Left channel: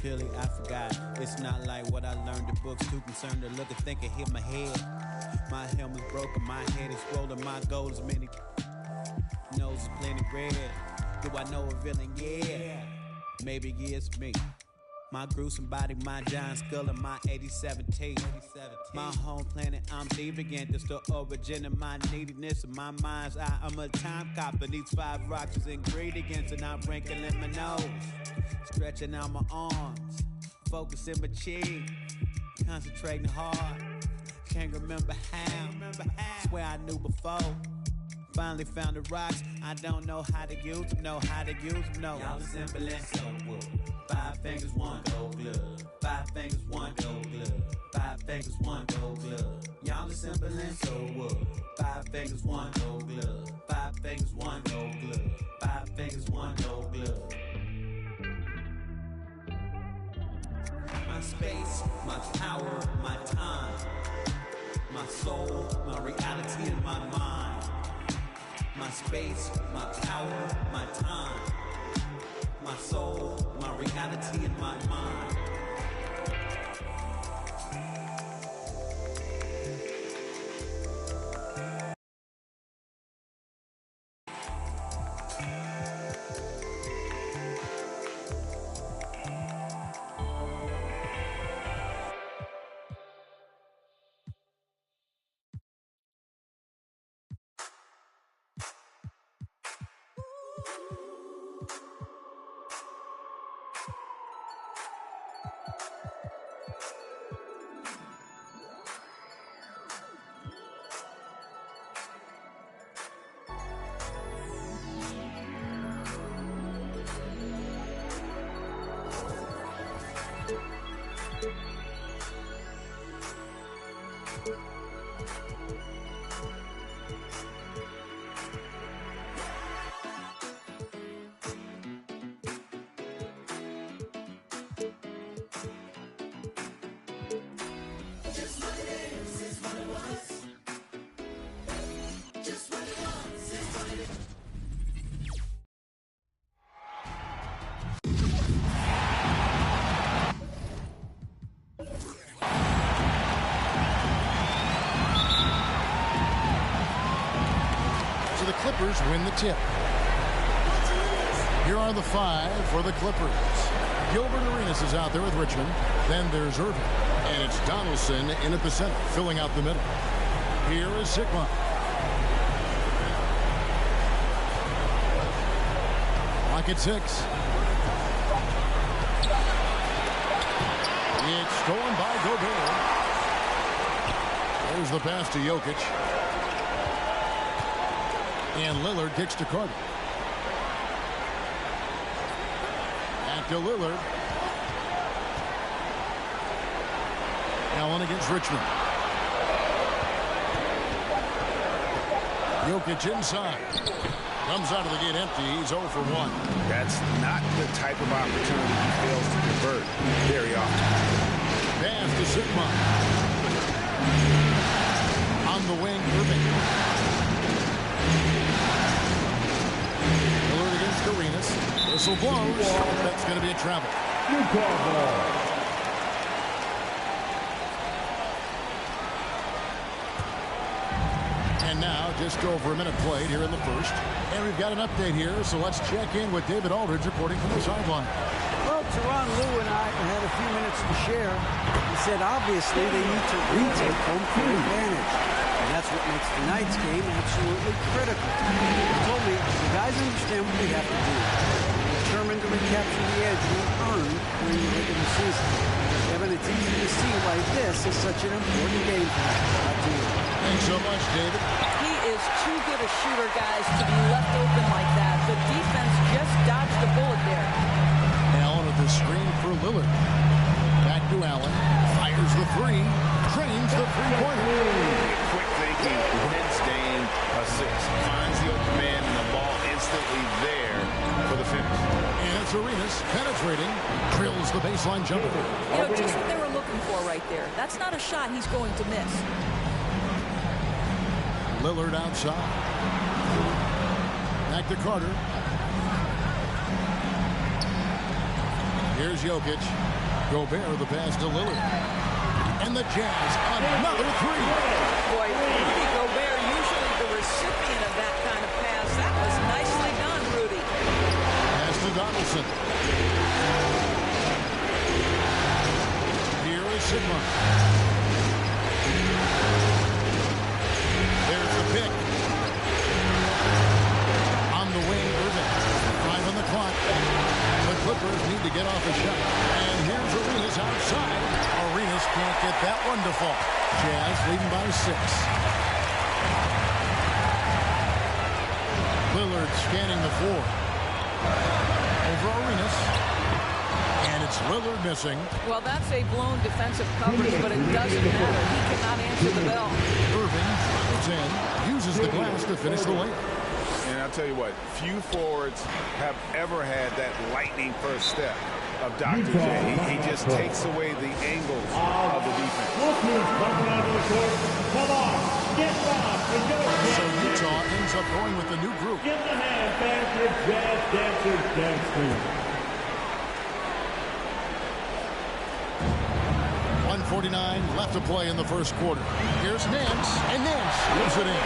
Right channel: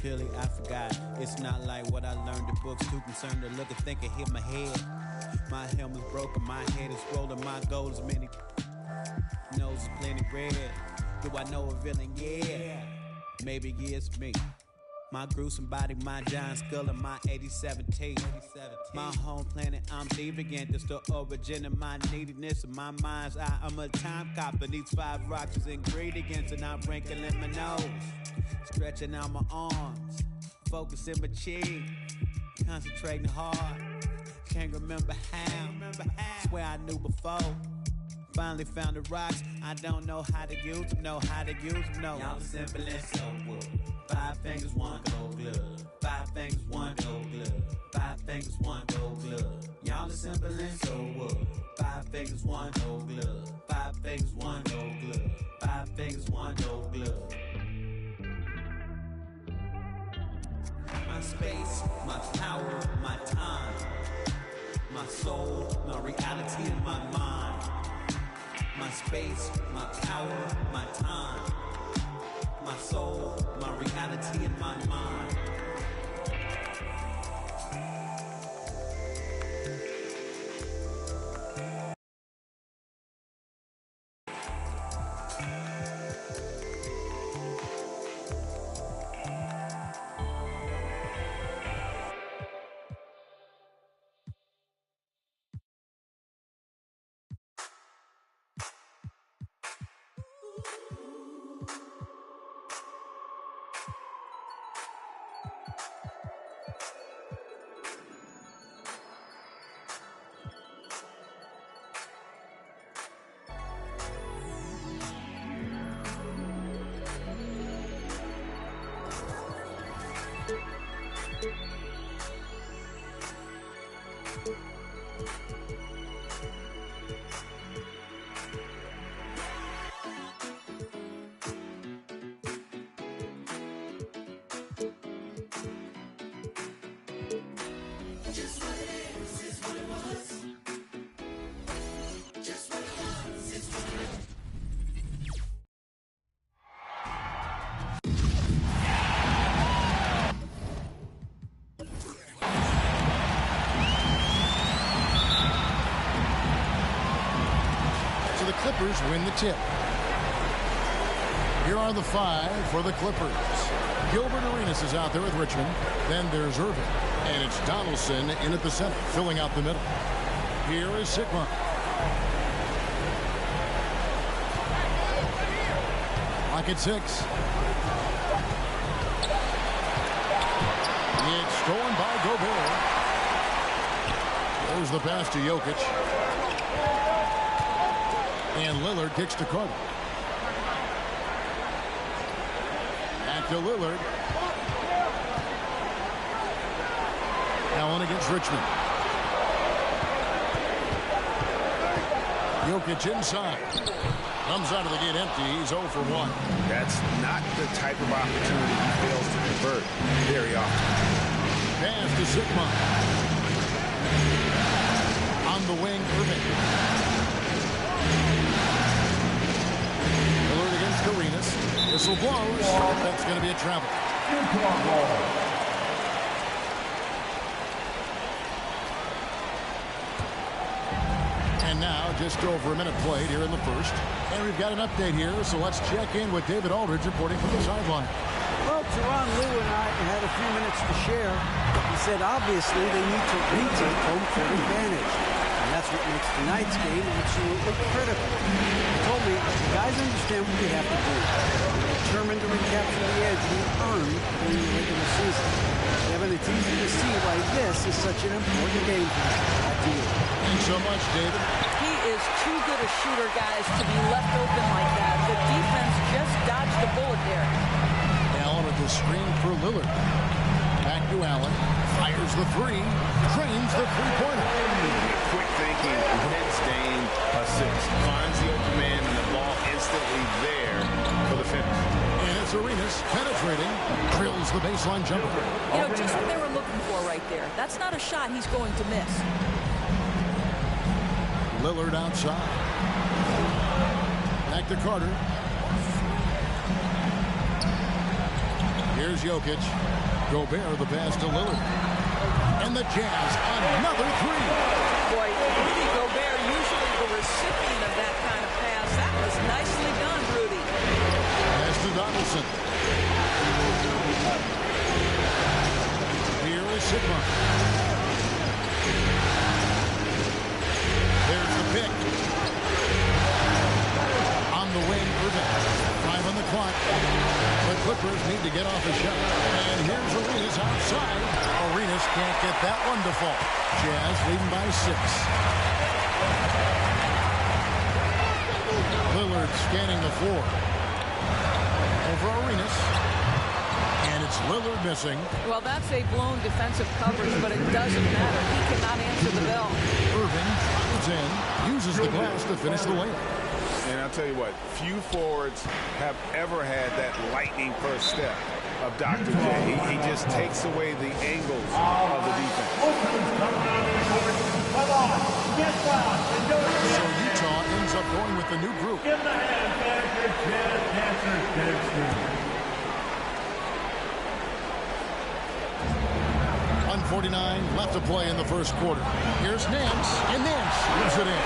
Clearly I forgot. It's not like what I learned in books. Too concerned to look and think and hit my head. My helmet's broken, my head is swollen. My goal is many. Nose is plenty red. Do I know a villain? Yeah. Maybe it's me. My gruesome body, my giant skull, and my 87 teeth. My home planet, I'm deviant. It's the origin of my neediness. In my mind's eye, I'm a time cop. And these 5 rocks is ingredients, and I'm wrinkling my nose. Stretching out my arms. Focusing my chin. Concentrating hard. Can't remember how. Swear I knew before. Finally found the rocks. I don't know how to use them. Know how to use them. No. Y'all are simple and so wood. 5 fingers, 1 gold glove. 5 fingers, 1 gold glove. 5 fingers, 1 gold glove. Y'all are simple and so wood. 5 fingers, 1 gold glove. 5 fingers, 1 gold glove. 5 fingers, 1 gold glove. My space, my power, my time. My soul, my reality, and my mind. My space, my power, my time. My soul, my reality, and my mind. So the Clippers win the tip. Here are the 5 for the Clippers. Gilbert Arenas is out there with Richmond. Then there's Irving. And it's Donaldson in at the center, filling out the middle. Here is Sigma. Clock at 6. It's stolen by Gobert. There's the pass to Jokic. And Lillard kicks to Carter. Back to Lillard. Allen against Richmond. Jokic inside. Comes out of the gate empty. He's 0 for 1. That's not the type of opportunity he fails to convert very often. Pass to Sigma. On the wing, Irving. Lillard against Arenas. Whistle blows. That's going to be a travel. And now, just over a minute played here in the first. And we've got an update here, so let's check in with David Aldridge reporting from the sideline. Well, Teron Lue and I had a few minutes to share. He said, obviously, they need to retake home court advantage. And that's what makes tonight's game absolutely critical. He told me, the guys understand what we have to do. We're determined to recapture the edge we earned during the regular season. Kevin, it's easy to see why this is such an important game for them. Back to you. Thanks so much, David. He is too good a shooter, guys, to be left open like that. The defense just dodged a bullet there. Allen with the screen for Lillard. Back to Allen. Fires the 3. Drains the three-pointer. Quick thinking, wins Dame, assist. Finds the open man and the ball instantly there for the finish. And it's Arenas penetrating. Drills the baseline jumper. You know, just what they were looking for right there. That's not a shot he's going to miss. Lillard outside. Back to Carter. Here's Jokic. Gobert the pass to Lillard. And the Jazz, another three. Boy, Rudy Gobert, usually the recipient of that kind of pass. That was nicely done, Rudy. Pass to Donaldson. Here is Sigma. There's the pick. On the wing, Irving. 5 on the clock. The Clippers need to get off a shot. And here's Arenas outside. Arenas can't get that one to fall. Jazz leading by 6. Lillard scanning the floor. Over Arenas. And it's Lillard missing. Well, that's a blown defensive coverage, but it doesn't matter. He cannot answer the bell. Irving drives in, uses the glass to finish the layup. And I'll tell you what, few forwards have ever had that lightning first step of Dr. J. He just takes away the angles of the defense. So Utah ends up going with the new group. Give the hand back to Jazz Dancers Dance Team. 1:49 left to play in the first quarter. Here's Nance, and Nance leaves it in.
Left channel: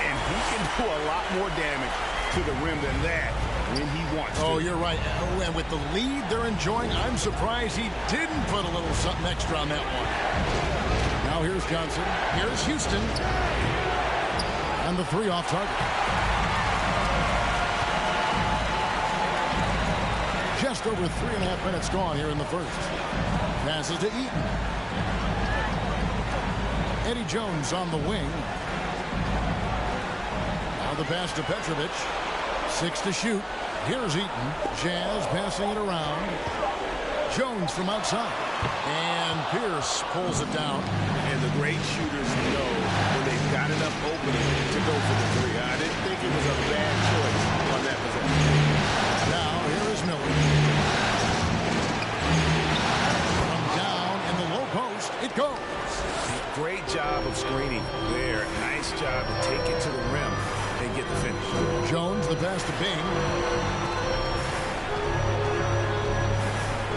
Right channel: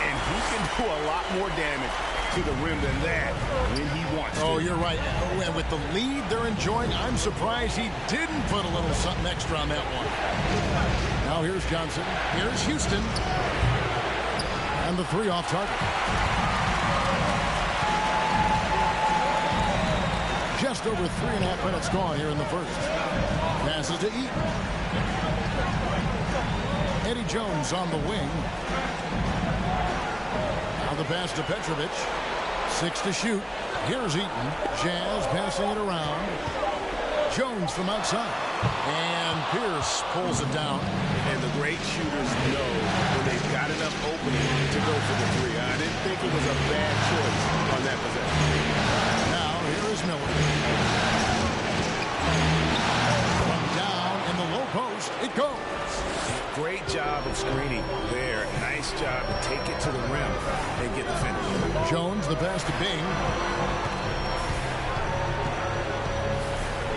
And he can do a lot more damage to the rim than that when he wants to. Oh, you're right. And with the lead they're enjoying, I'm surprised he didn't put a little something extra on that one. Now here's Johnson. Here's Houston. And the 3 off target. Just over 3.5 minutes gone here in the first. Passes to Eaton. Eddie Jones on the wing. Now the pass to Petrovic. 6 to shoot. Here's Eaton. Jazz passing it around. Jones from outside. And Pierce pulls it down. And the great shooters know when they've got enough opening to go for the 3. I didn't think it was a bad choice on that possession. Now here is Miller. From down in the low post, it goes. Great job of screening there. Nice job to take it to the rim and get the finish. Jones, the pass to Bing.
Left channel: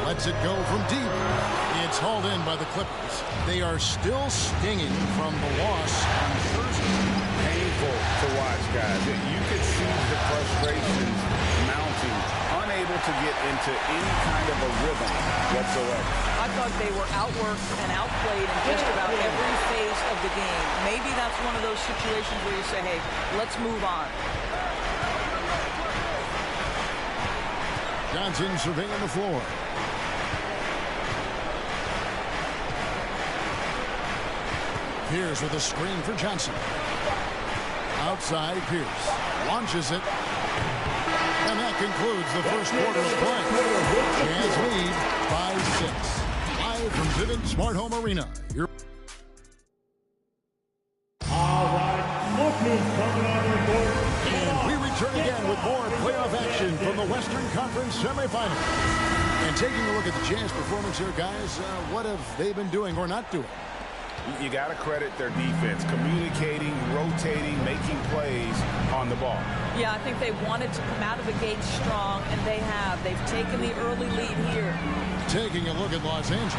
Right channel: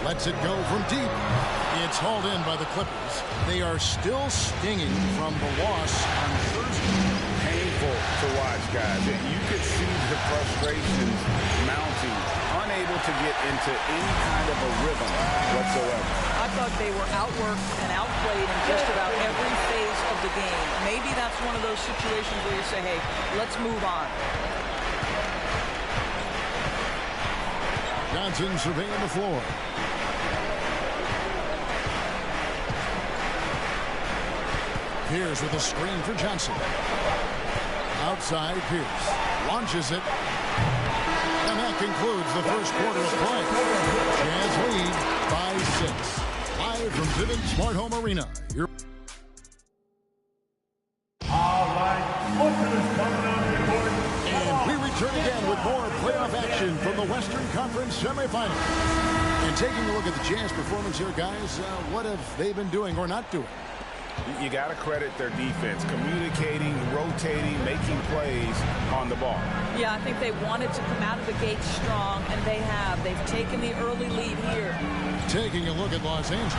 Lets it go from deep. It's hauled in by the Clippers. They are still stinging from the loss on Thursday. Painful to watch, guys. You could see the frustrations mounting, unable to get into any kind of a rhythm whatsoever. I thought they were outworked and outplayed in just about every phase of the game. Maybe that's one of those situations where you say, hey, let's move on. Johnson surveying the floor. Pierce with a screen for Johnson. Outside Pierce. Launches it. And that concludes the first quarter of play. Jazz lead by 6. Live from Vivint Smart Home Arena. All right, look who's coming on the court. And we return again with more playoff action from the Western Conference semifinals. And taking a look at the Jazz performance here, guys, what have they been doing or not doing? You got to credit their defense, communicating, rotating, making plays on the ball. Yeah, I think they wanted to come out of the gate strong, and they have. They've taken the early lead here. Taking a look at Los Angeles.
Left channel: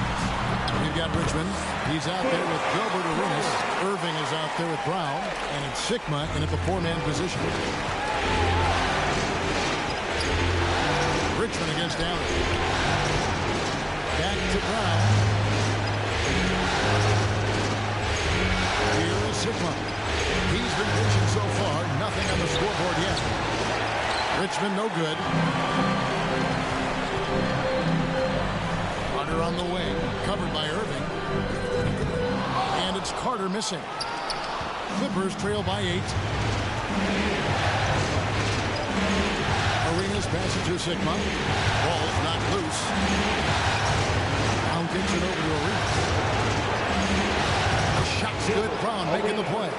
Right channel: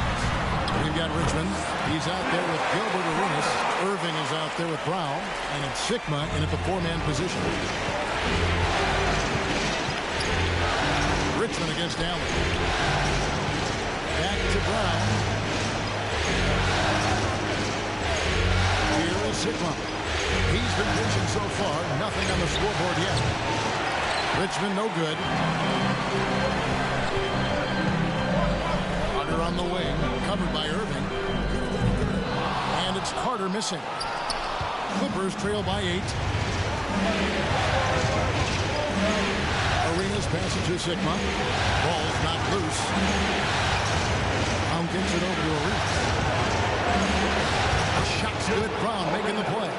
We've got Richmond. He's out there with Gilbert Arenas. Irving is out there with Brown. And it's Sigma in at the 4-man position. Richmond against Allen. Back to Brown. Here is Sigma. He's been pitching so far. Nothing on the scoreboard yet. Richmond no good. Carter on the wing. Covered by Irving. And it's Carter missing. Clippers trail by 8. Arenas pass it to Sigma. Ball's not loose. Brown gets it over to Arenas. Shot's good. Brown making the play.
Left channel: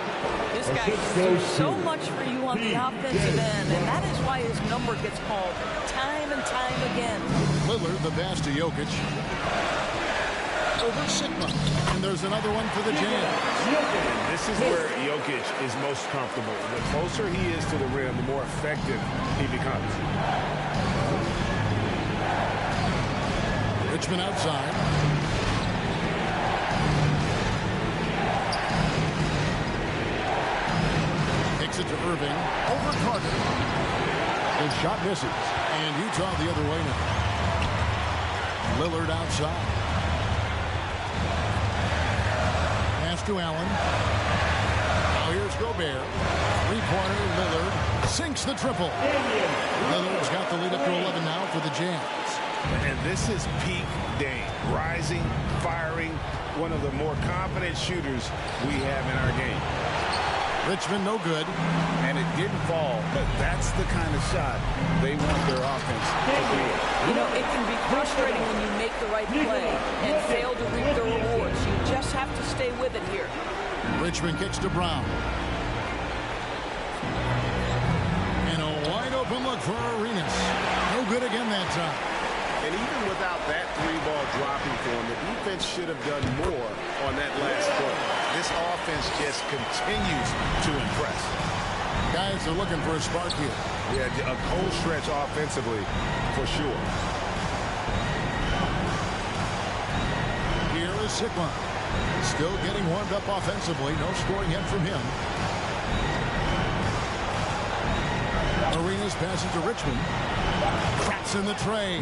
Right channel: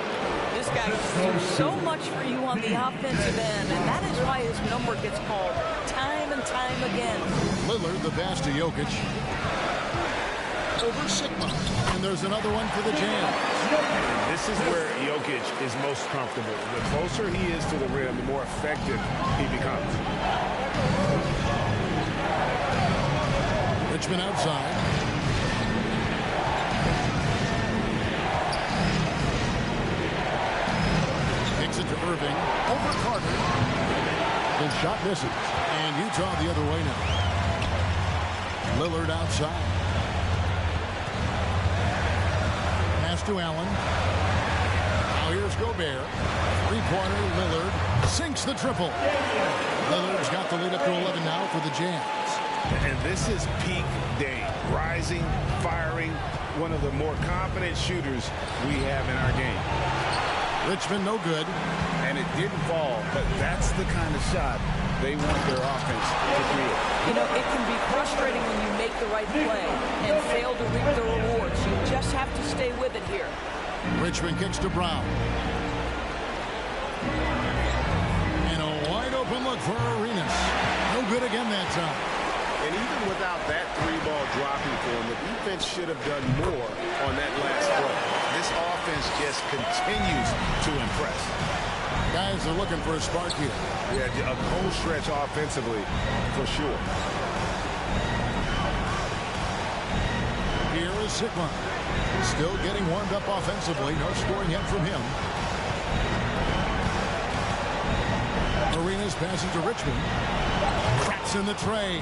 This guy can do so much for you on the offensive end, and that is why his number gets called time and time again. Lillard, the pass to Jokic. Over Sigma. And there's another one for the Jazz. And this is where Jokic is most comfortable. The closer he is to the rim, the more effective he becomes. Richmond outside. Kicks it to Irving. Over Carter. The shot misses. And Utah the other way now. Lillard outside. Pass to Allen. Now here's Gobert. Three-pointer, Lillard sinks the triple. Lillard's got the lead up to 11 now for the Jazz. And this is peak Dame. Rising, firing, one of the more confident shooters we have in our game. Richmond no good. And it didn't fall, but that's the kind of shot they want their offense to create. You know, it can be frustrating when you make the right play and fail to reap the rewards. You just have to stay with it here. Richmond kicks to Brown. And a wide open look for Arenas. No good again that time. And even without that three-ball dropping for him, the defense should have done more on that last play. This offense just continues to impress. Guys are looking for a spark here. Yeah, a cold stretch offensively for sure. Here is Sikma. Still getting warmed up offensively. No scoring yet from him. Arenas passes to Richmond. Cracks in the tray.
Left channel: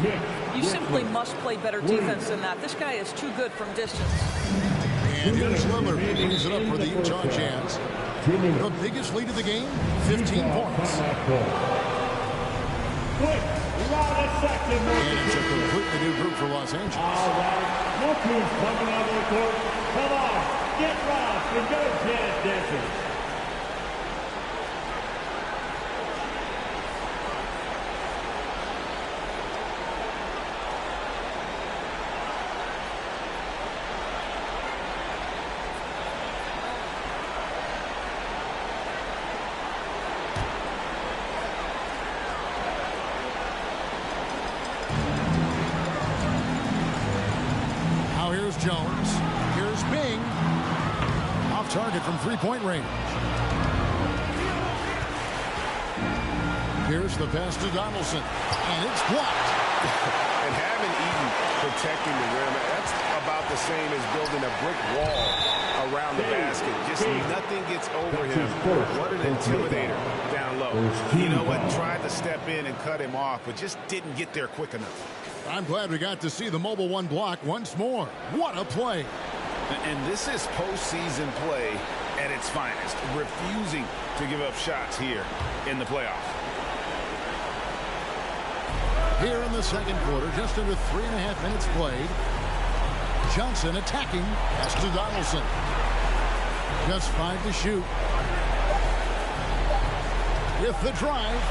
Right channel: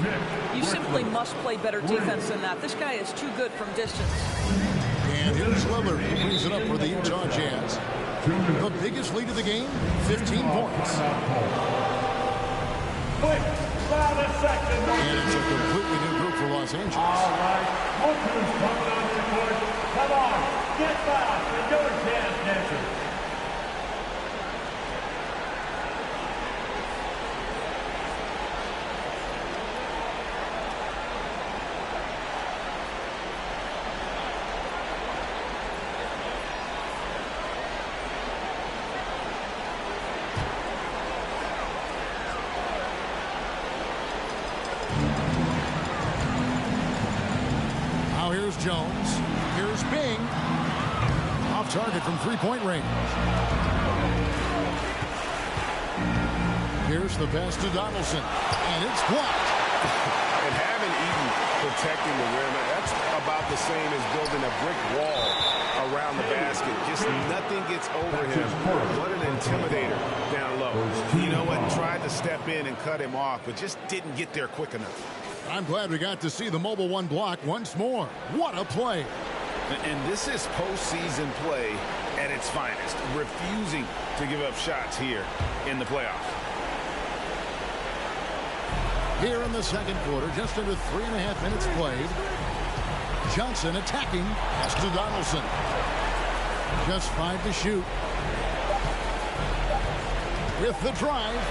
You simply must play better defense than that. This guy is too good from distance. And here's Lillard. He brings it up for the Utah Jazz. The biggest lead of the game, 15 points. And it's a completely new group for Los Angeles. All right, look who's coming on the court. Come on, get fast and go jazz dancers. Here's Jones. Here's Bing. Off target from three-point range. Here's the pass to Donaldson. And it's blocked. And having Eaton protecting the rim, that's about the same as building a brick wall around the basket. Just nothing gets over him. What an intimidator down low. You know what? Tried to step in and cut him off, but just didn't get there quick enough. I'm glad we got to see the mobile one block once more. What a play. And this is postseason play at its finest. Refusing to give up shots here in the playoffs. Here in the second quarter, just under 3.5 minutes played. Johnson attacking. Pass to Donaldson. Just 5 to shoot. With the drive.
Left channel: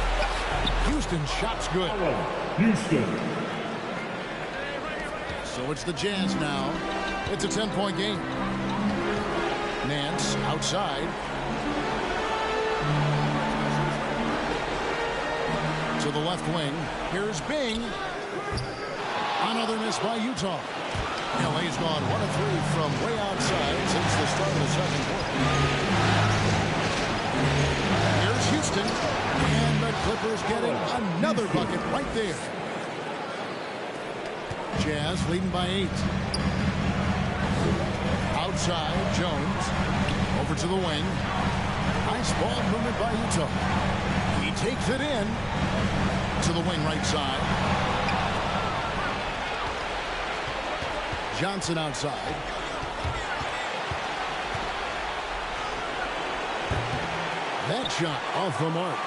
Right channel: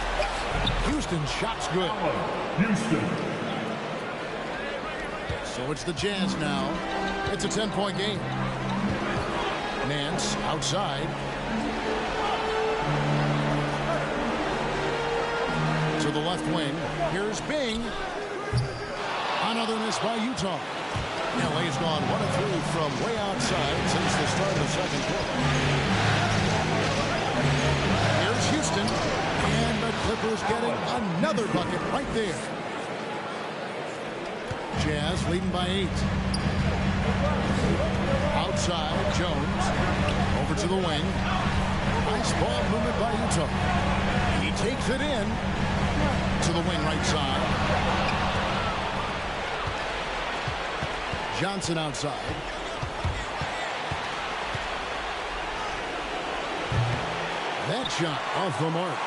Houston shot's good. Houston. So it's the Jazz now. It's a 10-point game. Nance outside. To the left wing. Here's Bing. Another miss by Utah. LA's gone 1 of 3 from way outside since the start of the second quarter. Here's Houston. And the Clippers getting another bucket right there. Jazz leading by 8. Outside, Jones. Over to the wing. Nice ball movement by Utah. He takes it in to the wing right side. Johnson outside. That shot off the mark.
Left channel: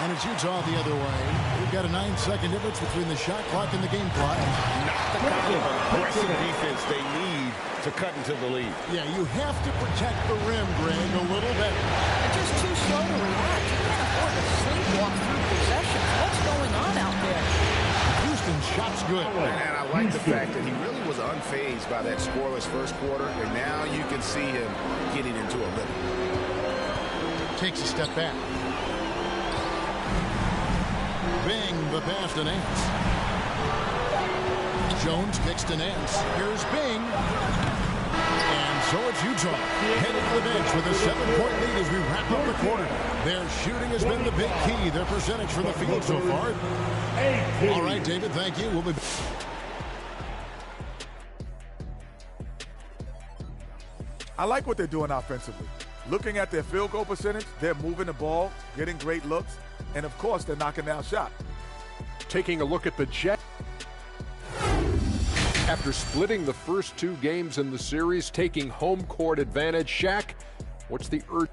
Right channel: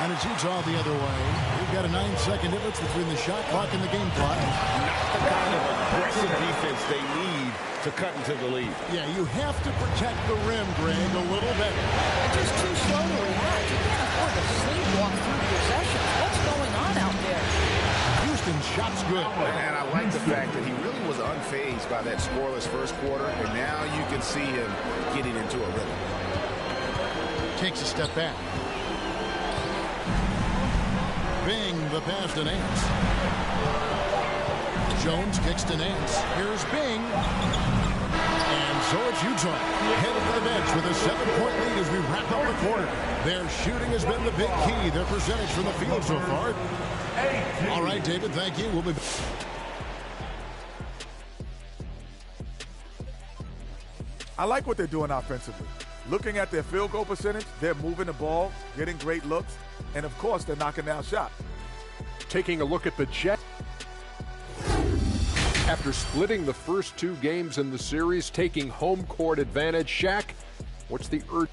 And it's Utah the other way. We've got a 9-second difference between the shot clock and the game clock. Not the kind of aggressive defense they need to cut into the lead. Yeah, you have to protect the rim, Greg, a little better. They're just too slow to react. You can't afford to sleepwalk through possessions. What's going on out there? Houston's shot's good. And I like the fact that he really was unfazed by that scoreless first quarter, and now you can see him getting into a rhythm. Takes a step back. Bing, the pass to Nance. Jones kicks to Nance. Here's Bing. And so it's Utah headed to the bench with a 7-point lead as we wrap up the quarter. Their shooting has been the big key. Their percentage from the field so far. All right, David, thank you. We'll be back. I like what they're doing offensively. Looking at their field goal percentage, they're moving the ball, getting great looks, and of course, they're knocking down shots. Taking a look at the Jets. After splitting the first 2 games in the series, taking home court advantage, Shaq, what's the urge?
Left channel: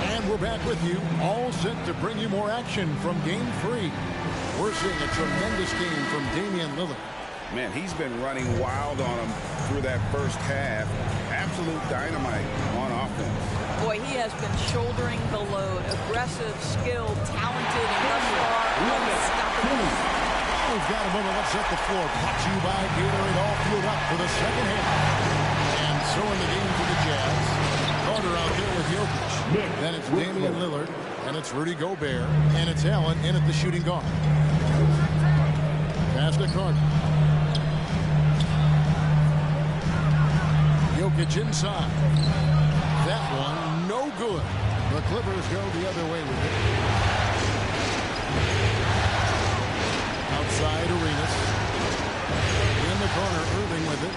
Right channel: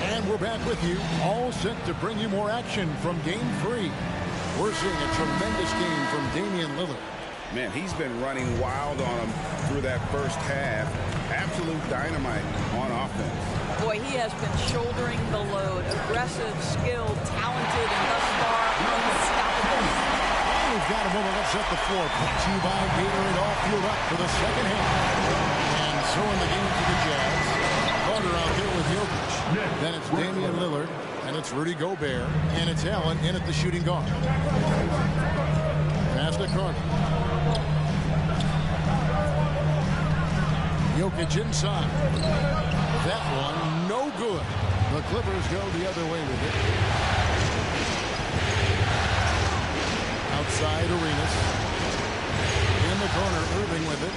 And we're back with you, all set to bring you more action from Game 3. We're seeing a tremendous game from Damian Lillard. Man, he's been running wild on him through that first half. Absolute dynamite on offense. Boy, he has been shouldering the load. Aggressive, skilled, talented, and thus far unstoppable. Well, we've got a moment. Let's set the floor. Brought to you by Gatorade. All fueled up for the second half. And so in the game for the Jazz, Carter out there with Jokic. Then it's Damian Lillard, and it's Rudy Gobert, and it's Allen in at the shooting guard. Pass to Carter. Jokic inside. That one, no good. The Clippers go the other way with it. Outside, Arenas. In the corner, Irving with it.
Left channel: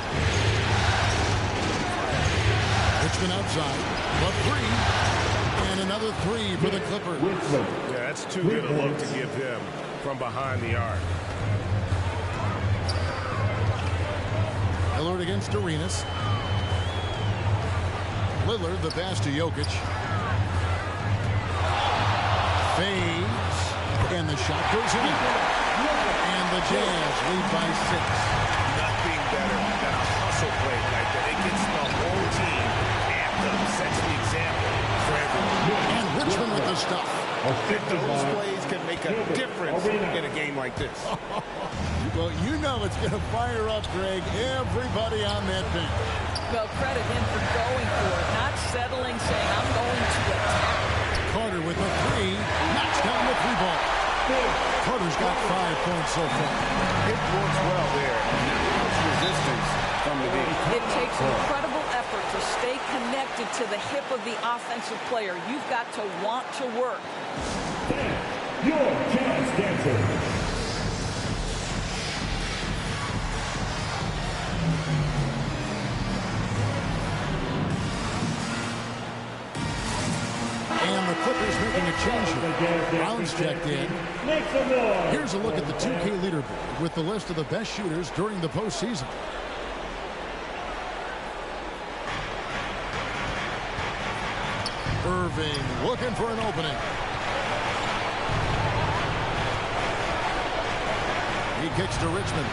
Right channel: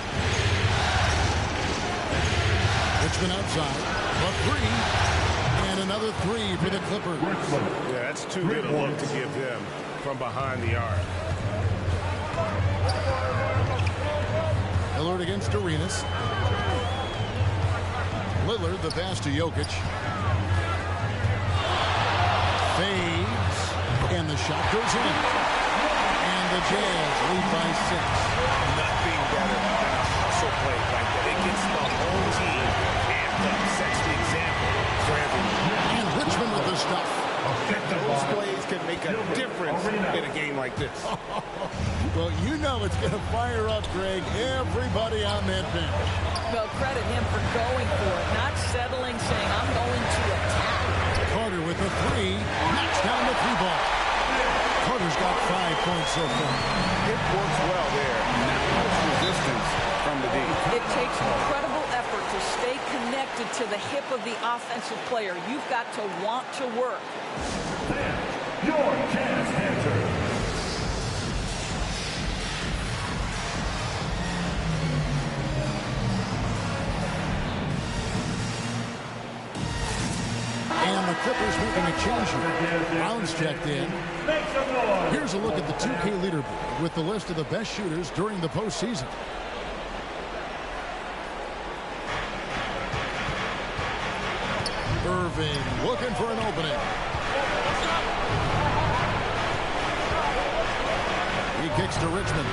Richmond outside. The 3. And another 3 for the Clippers. Yeah, that's too good a look to give him from behind the arc. Lillard against Arenas. Lillard, the pass to Jokic. Fades. And the shot goes in. And the Jazz lead by 6. Nothing better than a hustle play like that. It gets the whole team amped up, sets the example for everyone. And Richmond with the stuff. Those plays can make a difference in a game like this. Well, you know it's going to fire up, Greg, everybody on that bench. Well, credit him for going for it, not settling, saying, I'm going to attack. Carter with a 3, knocks down the 3-ball. Carter's got 5 points so far. It works well there. Not much resistance from the D. It takes incredible effort to stay connected to the hip of the offensive player. You've got to want to work. Your Jazz Dancer. And the Clippers making a change here. Brown's checked in. Here's a look at the 2K leaderboard with the list of the best shooters during the postseason. Irving looking for an opening. He kicks to Richmond.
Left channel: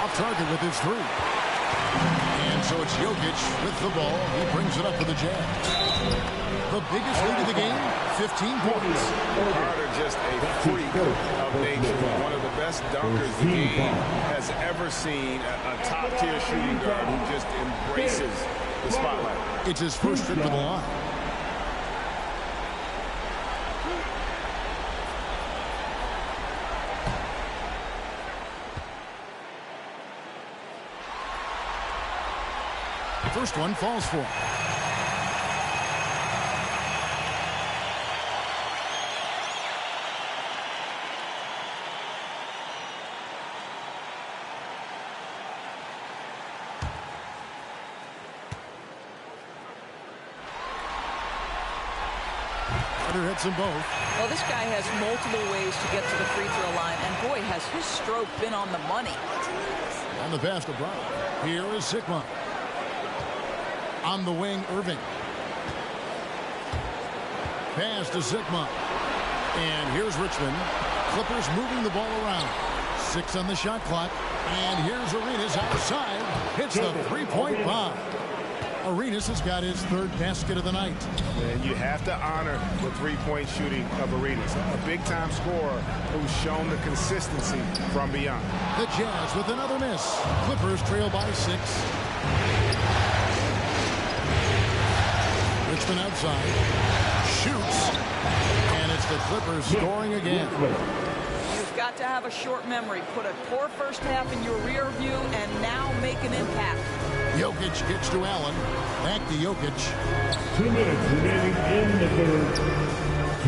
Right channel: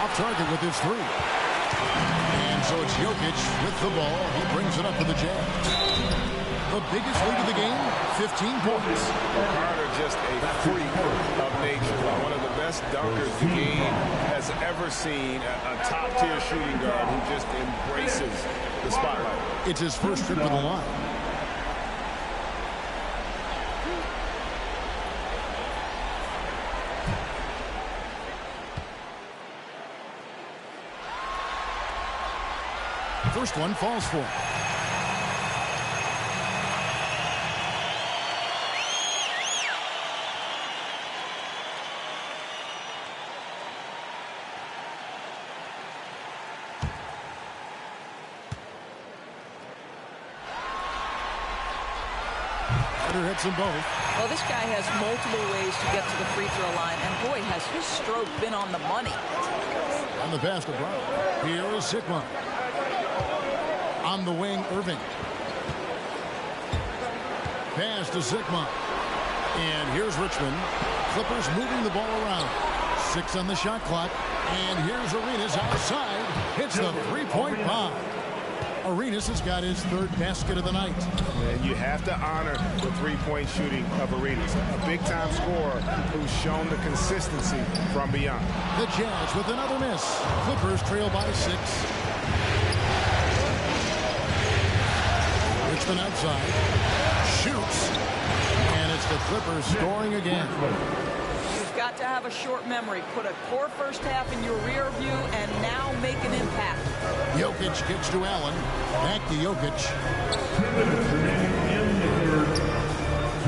Off target with his 3. And so it's Jokic with the ball. He brings it up to the Jazz. The biggest lead of the game, 15 points. Carter just a freak of nature. One of the best dunkers the game has ever seen. A top-tier shooting guard who just embraces the spotlight. It's his first trip to the line. First one falls for him. Carter hits them both. Well, this guy has multiple ways to get to the free throw line, and boy, has his stroke been on the money. And the pass to Brown. Here is Sigma. On the wing, Irving. Pass to Sigma. And here's Richmond. Clippers moving the ball around. 6 on the shot clock. And here's Arenas outside. Hits the three-point bomb. Arenas has got his 3rd basket of the night. And you have to honor the three-point shooting of Arenas. A big-time scorer who's shown the consistency from beyond. The Jazz with another miss. Clippers trail by 6. Richmond outside. Shoots. And it's the Clippers scoring again. You've got to have a short memory. Put a poor first half in your rear view and now make an impact. Jokic kicks to Allen. Back to Jokic. 2 minutes remaining in the third.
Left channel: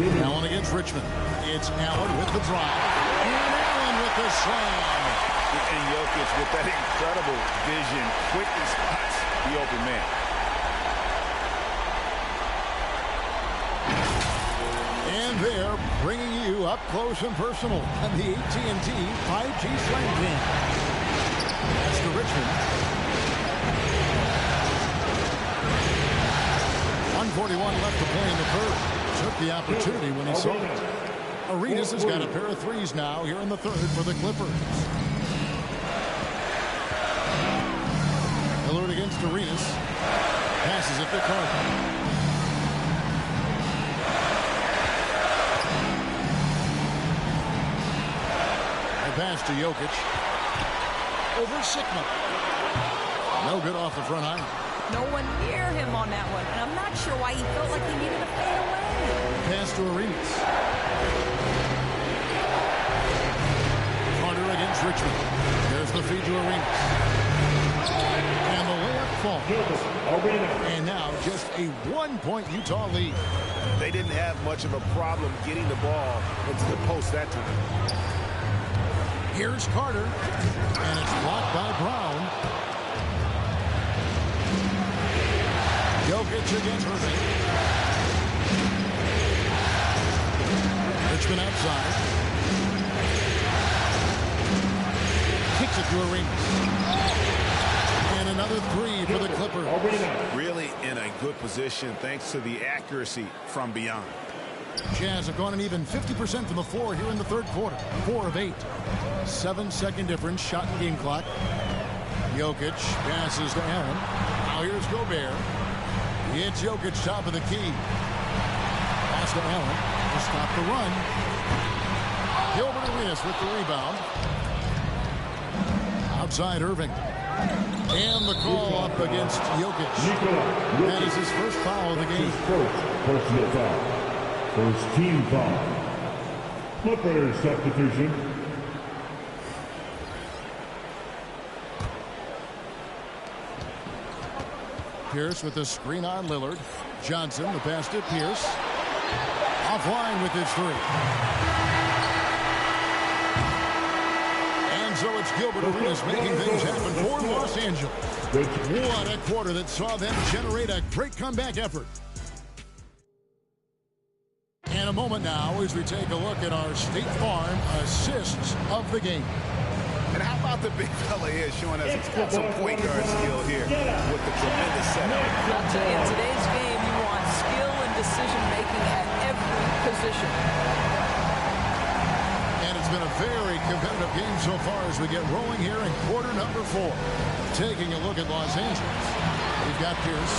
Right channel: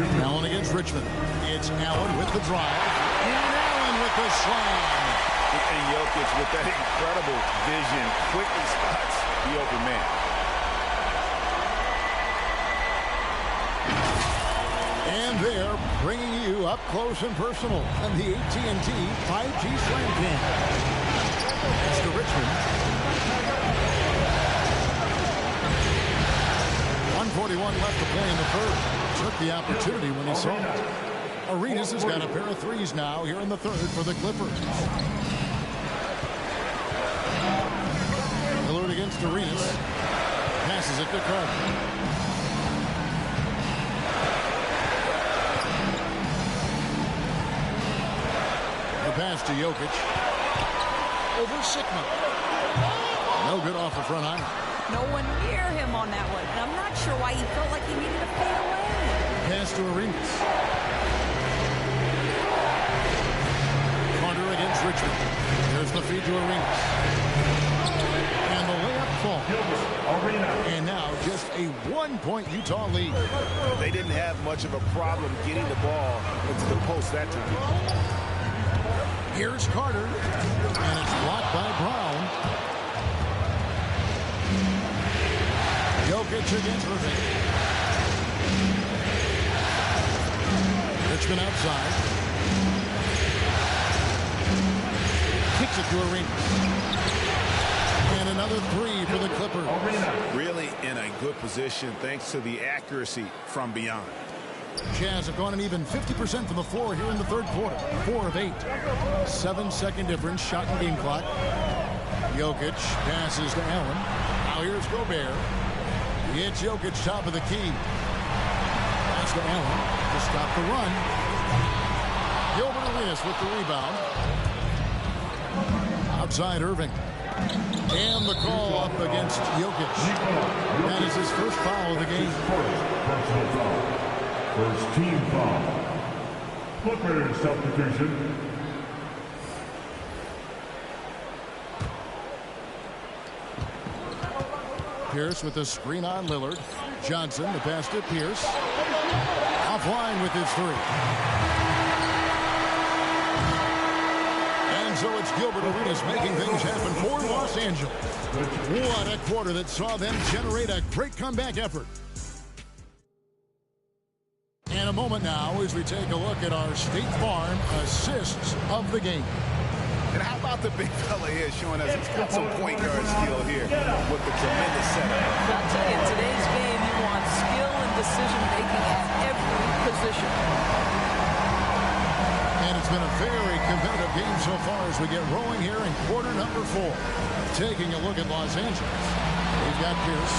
Allen against Richmond. It's Allen with the drive. And Allen with the slam. And Jokic with that incredible vision quickly spots the open man. And they're bringing you up close and personal on the AT&T 5G Slam Cam. That's to Richmond. 1:41 left to play in the third. Took the opportunity when he saw it. Arenas has got a pair of threes now here in the third for the Clippers. Lillard against Arenas. Passes it to Carter. Pass to Jokic. Over Sigma. No good off the front iron. No one near him on that one. And I'm not sure why he felt like he needed to fade away. Pass to Arenas. Carter against Richmond. There's the feed to Arenas. And the layup falls. And now just a 1-point Utah lead. They didn't have much of a problem getting the ball into the post that time. Here's Carter, and it's blocked by Brown. Jokic against Irving. Richmond outside. Kicks it to Arenas. And another three for the Clippers. Really in a good position thanks to the accuracy from beyond. Jazz have gone an even 50% from the floor here in the third quarter. 4 of 8. 7-second difference, shot and game clock. Jokic passes to Allen. Now here's Gobert. It's Jokic top of the key. Pass to Allen to stop the run. Gilbert Arenas with the rebound. Outside Irving. And the call up against Jokic. That is his first foul of the game. Personal foul. First team foul. Clippers substitution. Pierce with the screen on Lillard. Johnson, the pass to Pierce. Offline with his three. And so it's Gilbert Arenas making things happen for Los Angeles. What a quarter that saw them generate a great comeback effort. And a moment now as we take a look at our State Farm assists of the game. And how about the big fella here showing us he's got some point guard skill here with the tremendous setup. I'll tell you, in today's game, you want skill and decision-making at every position. And it's been a very competitive game so far as we get rolling here in quarter number 4. Taking a look at Los Angeles. We've got Pierce.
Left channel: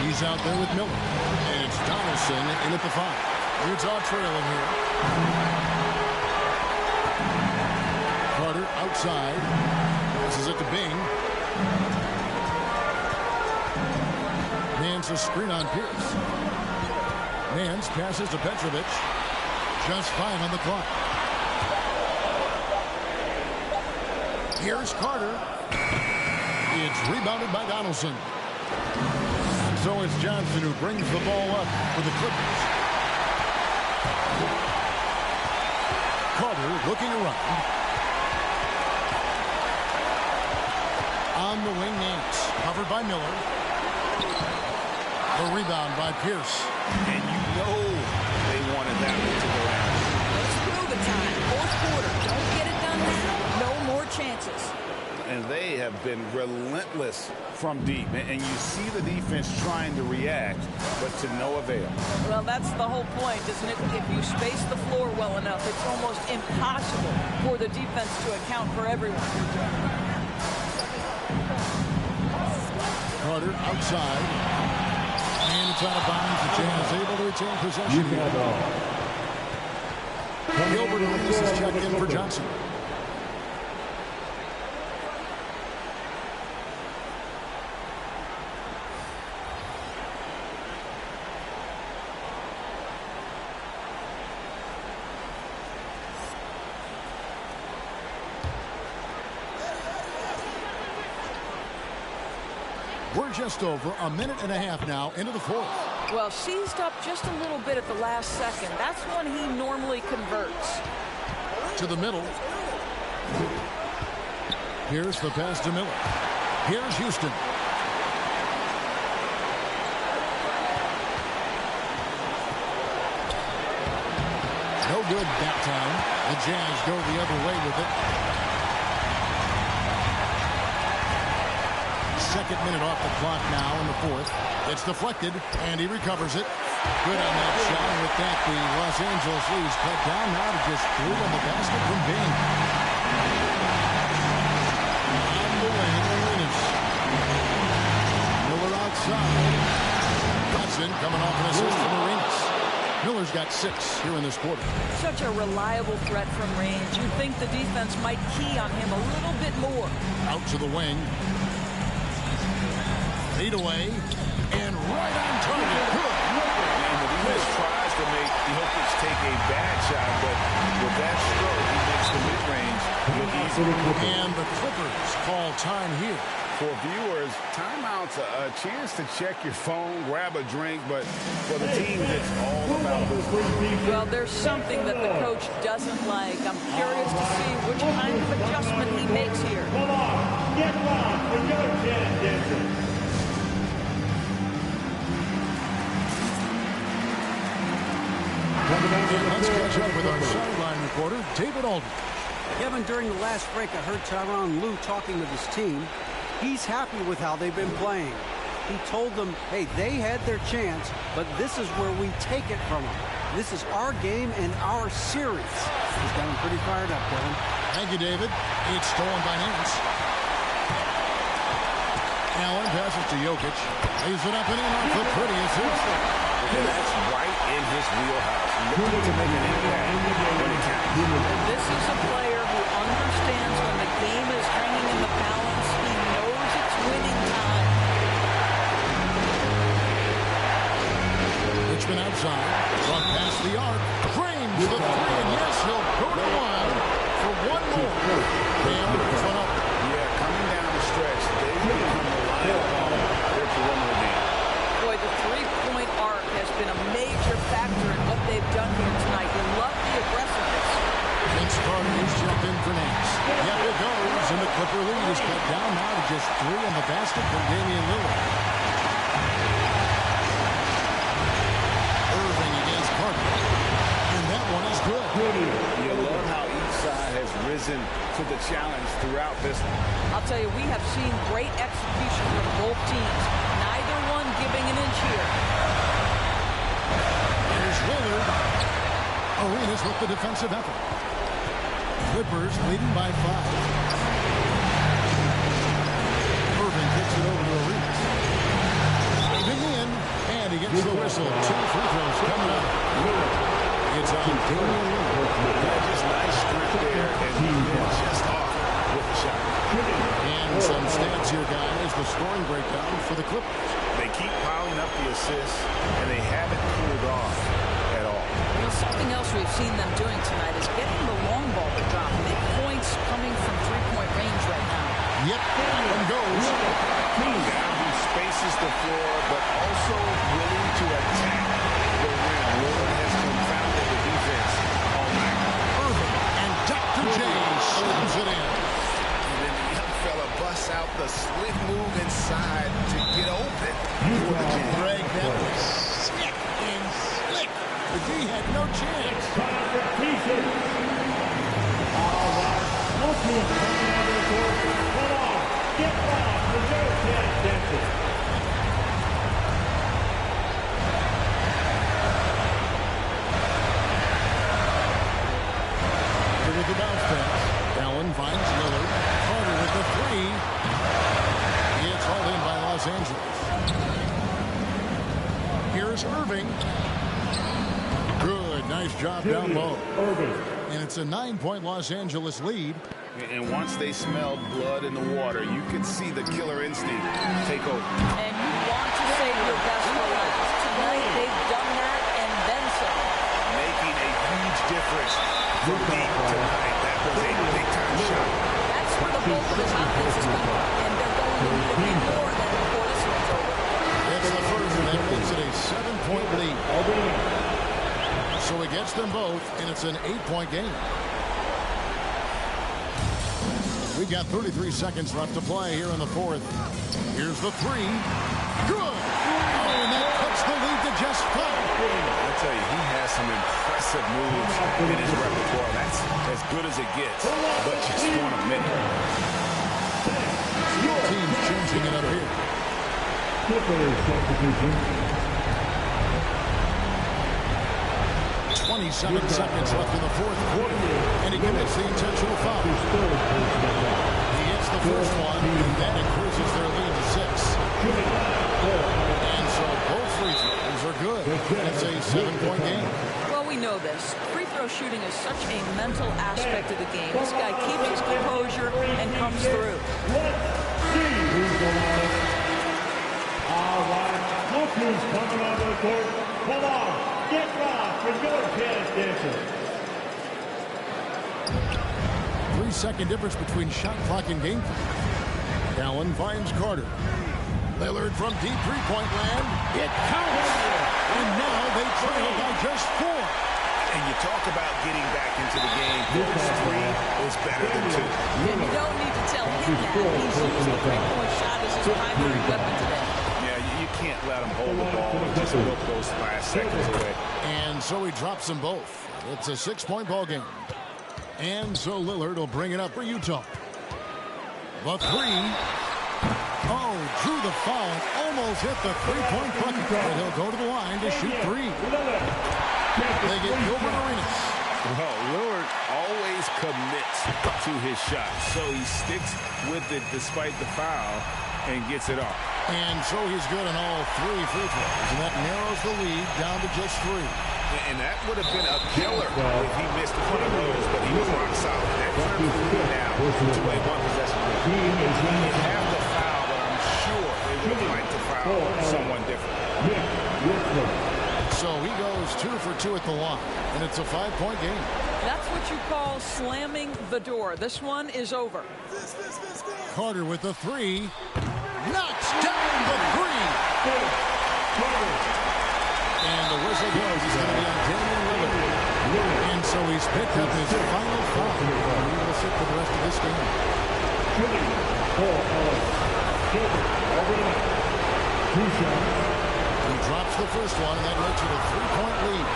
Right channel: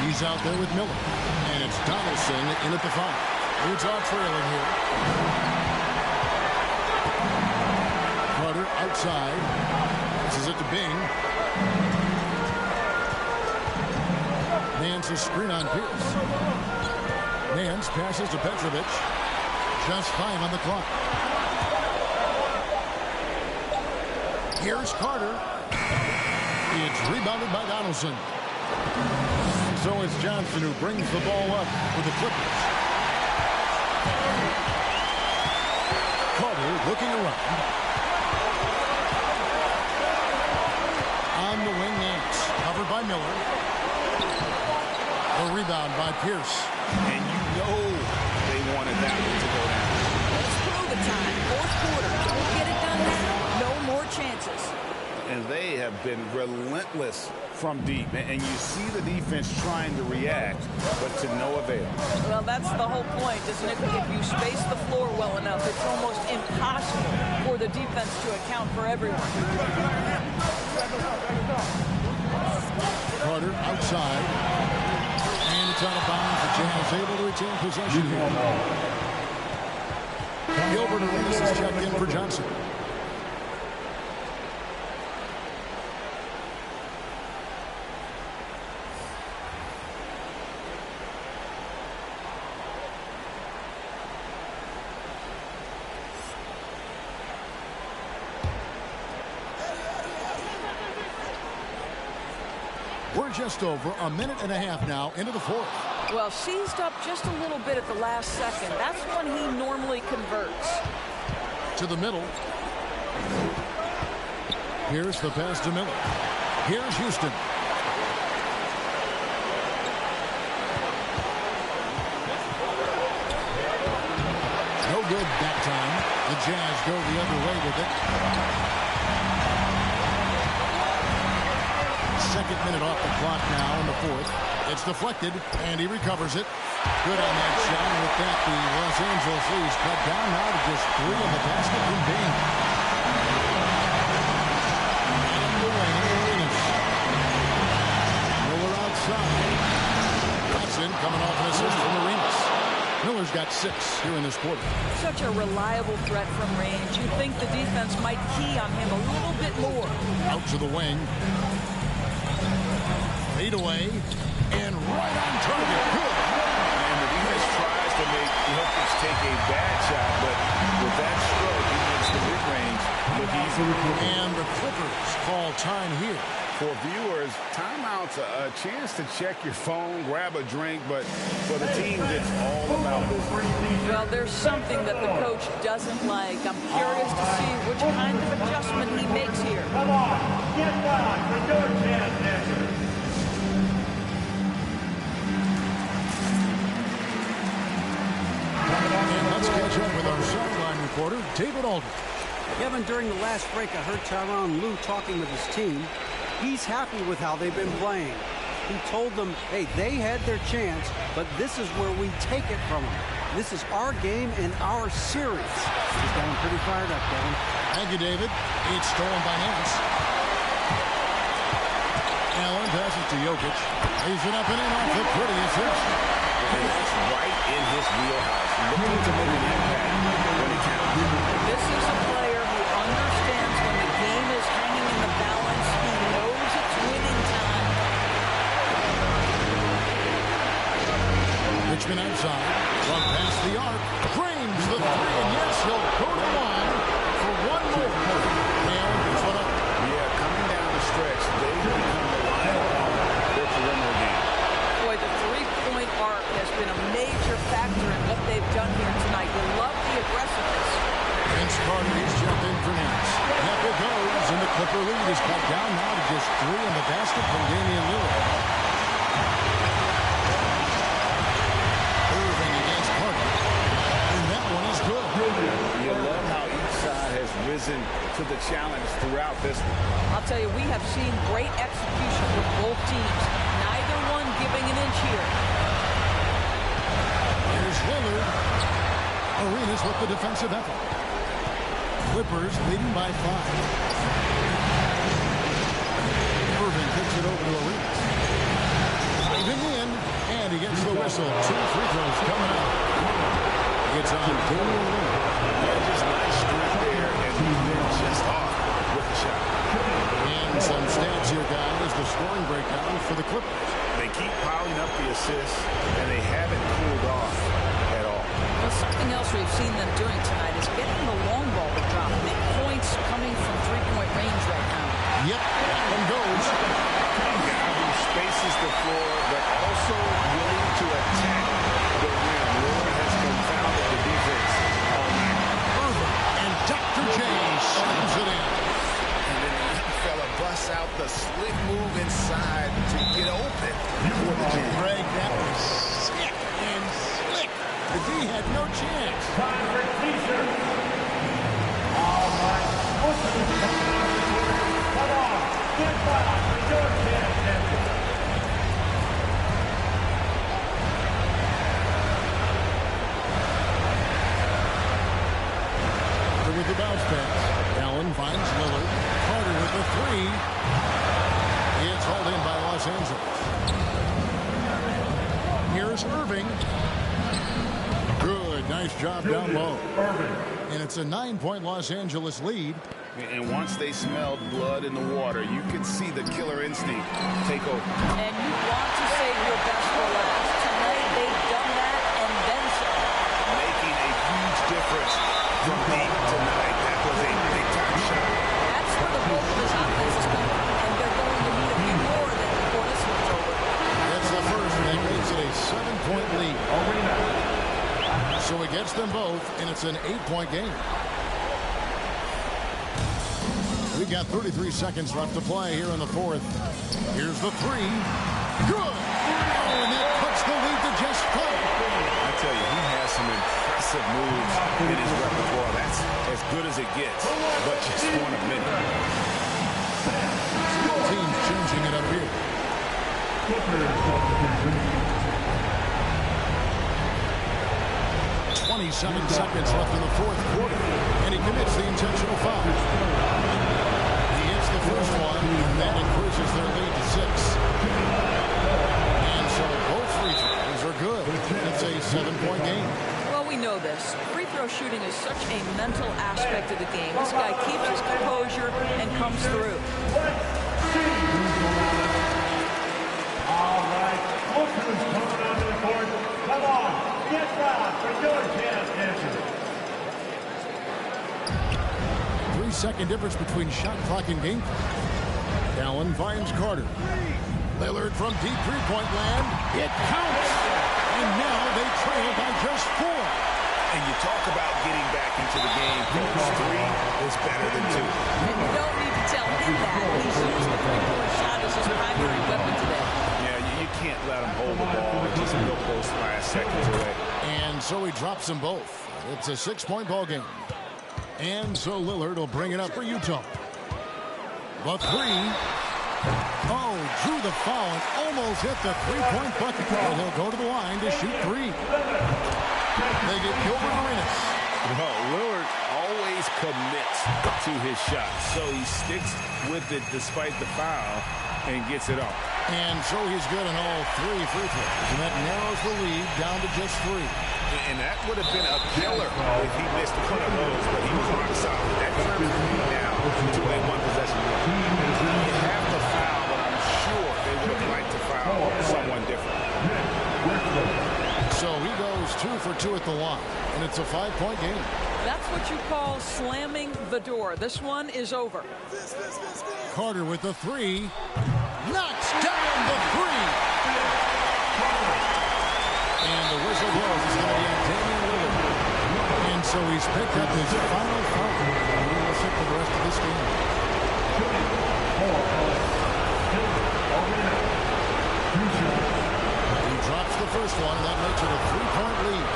He's out there with Miller. And it's Donaldson in at the 5. Utah trailing here. Carter outside. Passes it to Bing. Nance a screen on Pierce. Nance passes to Petrovic. Just 5 on the clock. Here's Carter. It's rebounded by Donaldson. So it's Johnson who brings the ball up for the Clippers. Carter looking around. On the wing, Nance. Covered by Miller. The rebound by Pierce. And you know they wanted that one to go down. Let's prove it time. Fourth quarter. Don't get it done now. No more chances. And they have been relentless from deep. And you see the defense trying to react, but to no avail. Well, that's the whole point, isn't it? If you space the floor well enough, it's almost impossible for the defense to account for everyone. Carter outside. And it's out of bounds. The Jazz able to retain possession here. Gilbert Arenas is checked in for Johnson. We're just over a minute and a half now into the fourth. Well, seized up just a little bit at the last second. That's when he normally converts. To the middle. Here's the pass to Miller. Here's Houston. No good that time. The Jazz go the other way with it. Second minute off the clock now in the fourth. It's deflected, and he recovers it. Good on that shot, and with that, the Los Angeles lead's cut down now to just 3 on the basket from Bing. On the wing, Arenas. Miller outside. Hudson coming off an assist from Arenas. Miller's got 6 here in this quarter. Such a reliable threat from range. You'd think the defense might key on him a little bit more. Out to the wing. Fade away. And right on target. Good. And the defense tries to make Jokic take a bad shot, but with that stroke, he makes the mid-range look easy. And the Clippers call time here. For viewers, timeout's a chance to check your phone, grab a drink, but for the teams, it's all about business. Well, there's something that the coach doesn't like. I'm curious to see which kind of adjustment he makes here. Come on, get back to your chance, Denver. And let's catch up with our sideline reporter, David Aldridge. Kevin, during the last break, I heard Tyronn Lue talking with his team. He's happy with how they've been playing. He told them, hey, they had their chance, but this is where we take it from them. This is our game and our series. He's got him pretty fired up, Kevin. Thank you, David. It's stolen by Nance. Allen passes to Jokic. Lays it up and in off the pretty assist. And that's right in his wheelhouse, looking to make an impact when it counts. And this is a player who understands when the game is hanging in the balance. He knows it's winning time. Richmond outside. From past the arc. Frames the 3, and yes, he'll go to the line for one more. Allen picks one up. Yeah, coming down the stretch, they've become reliant upon their perimeter game. Boy, the three-point arc has been a major factor in what they've done here tonight. You love the aggressiveness. Vince Carter is jumped in for Nance. Yep, it goes, and the Clipper lead is cut down now to just 3 in the basket from Damian Lillard. Irving against Carter. And that one is good. You love how each side has risen to the challenge throughout this one. I'll tell you, we have seen great execution from both teams. Neither one giving an inch here. Here's Lillard. Arenas with the defensive effort. Clippers leading by 5. Irving kicks it over to Arenas. Driving in, and he gets the whistle. 2 free throws coming up. It's on Damian Lillard. Yeah, just nice strength there, and then just off with the shot. And some stats here, guys. The scoring breakdown for the Clippers. They keep piling up the assists, and they haven't cooled off at all. Well, something else we've seen them doing tonight is getting the long ball to drop. Big points coming from three-point range right now. Yep, that one goes. A guy who spaces the floor, but also willing to attack the rim. Lillard has confounded the defense all night. Irving and Dr. J slams it in. And then the young fella busts out the slick move inside to get open for the jam. Greg, that was sick and slick. The D had no chance. Time for T-shirt. All right. No team's coming out of the court. Come on. Get back to your chance, Denver. With the bounce pass. Allen finds Lillard. Carter with the 3. It's hauled in by Los Angeles. Here's Irving. Good. Nice job down low. Irving. And it's a 9-point Los Angeles lead. And once they smelled blood in the water, you could see the killer instinct take over. And you want to save your best for last. Tonight, they've done that and then some. Making a huge difference from deep tonight. That was a big-time shot. That's where the bulk of his offense is coming from, and they're going to need a few more than before this one's over. It's the first And that makes it a 7-point lead. So he gets them both, and it's an 8-point game. We've got 33 seconds left to play here in the fourth. Here's the three. Good. Oh, and that cuts the lead to just 5. I tell you, he has some impressive moves in his repertoire. That's as good as it gets, but just one a minute. Both teams changing it up here. 27 seconds left in the fourth quarter, and he commits the intentional foul. He hits the first one, and that increases their lead to 6. And so both free throws are good, and it's a 7-point game. Well, we know this. Free throw shooting is such a mental aspect of the game. This guy keeps his composure and comes through. All right, look who's coming onto the court. Come on, get rocked for your tennis dancer. 3-second difference between shot clock and game clock. Allen finds Carter. Lillard from deep three-point land. It counts. And now they trail by just 4. And you talk about getting back into the game, folks. 3 is better than 2. And you don't need to tell him that. He's used the three-point shot as his primary weapon today. Yeah, you can't let him hold the ball and just milk those last seconds away. And so he drops them both. It's a 6-point ball game. And so Lillard will bring it up for Utah. The 3. Oh, drew the foul and almost hit the 3-point bucket. But he'll go to the line to shoot 3. They get Gilbert Arenas. Well, Lillard always commits to his shot, so he sticks with it despite the foul and gets it off. And so he's good on all 3 free throws, and that narrows the lead down to just 3. And that would have been a killer if he missed one of those, but he was rock solid. That trims the lead now to a one-possession lead. You have the foul, but I'm sure they would have liked to foul someone different. So he goes 2 for 2 at the line, and it's a 5-point game. That's what you call slamming the door. This one is over. Carter with the 3. Knocks down the 3. And the whistle blows. It's going to be on Damian Lillard. And so he's picked up his final foul. And he will sit for the rest of this game. He drops the first one, and that makes it a 3-point lead.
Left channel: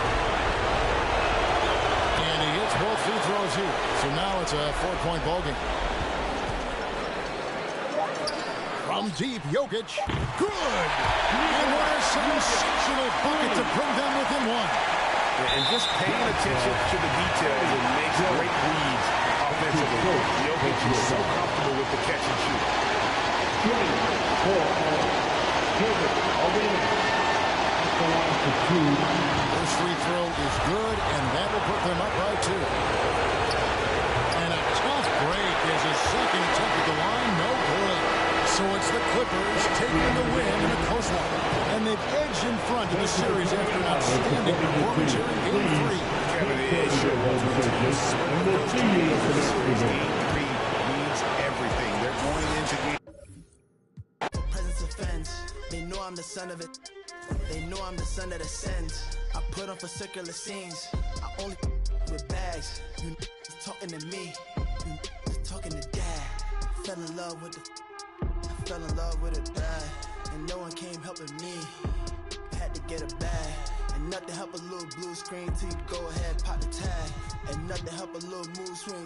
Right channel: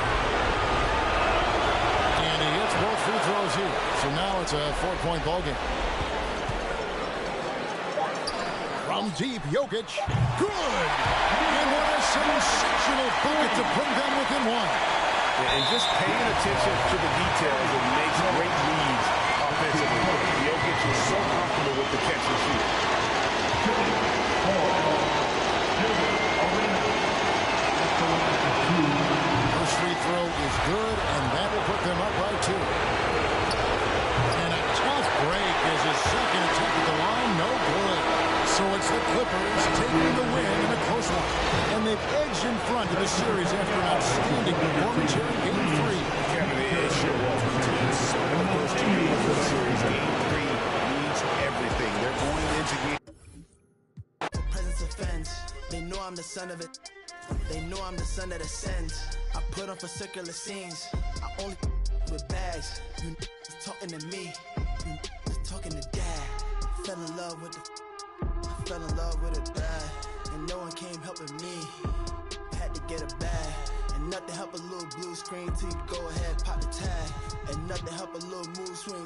And he hits both free throws here. So now it's a 4-point ball game. From deep, Jokic. Good! And what a sensational bucket to bring them within 1. And just paying attention to the details, it makes great reads offensively. Jokic is so comfortable with the catch and shoot. First free throw is good, and that will put them up by 2. And a tough break is his second attempt at the line. No good. So it's the Clippers taking the win in a close one. And they've edged in front of the series after an outstanding performance here in Game 3. Kevin, it sure was. The first 2 games of the series, Game 3 needs everything. They're going into game. Presence offense. They know I'm the son of it. They know I'm the son that ascends. I put on for circular scenes. I only with bags. You talking to me. You talking to dad. Fell in love with the. I fell in love with it bad, and no one came helping me. Had to get a bag, and nothing help a little blue screen till you go ahead, pop the tag, and nothing help a little mood swing.